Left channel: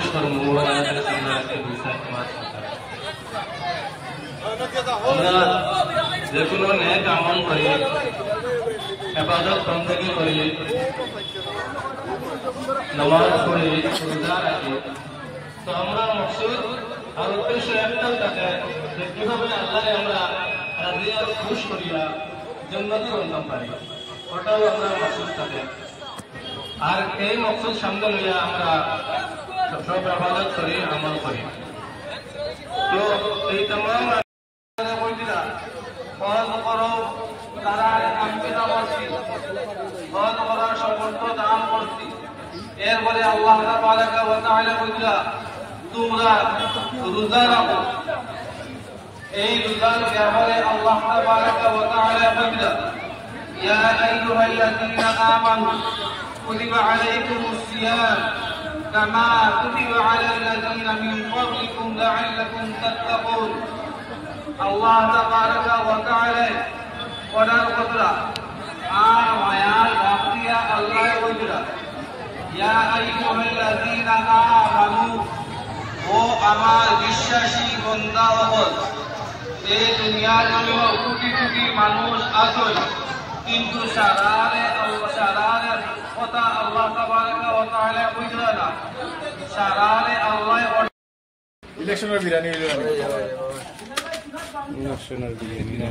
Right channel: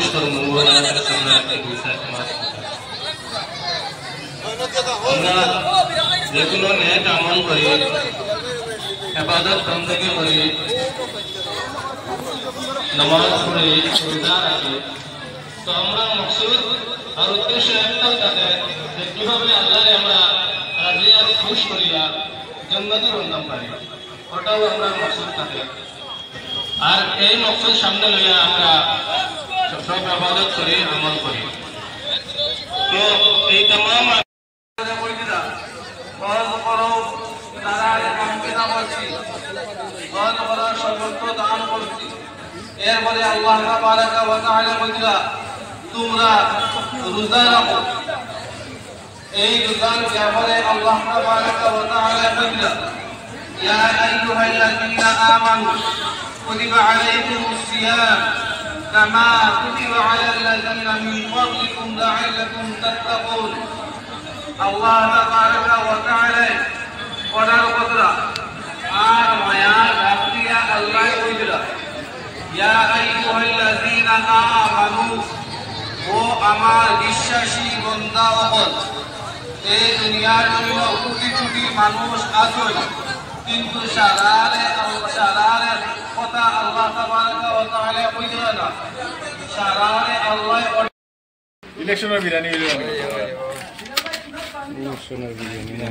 নির্দিষ্ট আমরা যেগুলো নেক আমল করি, ইবাদত বندگی করি, নামাজ পড়ি, রোজা রাখি, তো আমরা মকসুদ আর উদ্দেশ্য একটাই থাকে যে কিভাবে আল্লাহরে আমরা রাজি আর খুশ করিয়া জান্নাতের অন্নাম পাই, ওটাও আমরা মকসুদ থাকে। আর এই মকসুদ সামনে লইয়া আমরা সব ইবাদত করি, আমল করি। তো এই तमाम দান করছি, এরপরে আল্লাহ তাবারাকা ওয়া তাআলা বলেছিলেন তোমরা রোজা রাখো। এই রোজার ব্যাপারে আল্লাহ তাবারাকা ওয়া তাআলা বলেছিলেন ইয়া আইয়ুহাল্লাযীনা আমানু কুতিবা আলাইকুমুস সিয়াম কামা কুতিবা আলাল্লাযীনা মিন ক্বাবলিকুম লাআল্লাকুম তাত্তাকুন। আল্লাহ তাবারাকা ওয়া তাআলা পড়ার কথা আর মায়া রাখিয়া আল্লাহ বলেছিলেন ইয়া আইয়ুহাল্লাযীনা আমানু, ও আমার বিশ্বাসী বান্দাগণ, এই দুনিয়ার কোটি কোটি মানুষ আছে, কিন্তু সারারে কথা আল্লাহ তাবারাকা ওয়া তাআলা কইরা না, সারারে আল্লাহ ইলেকশনের বিরানি না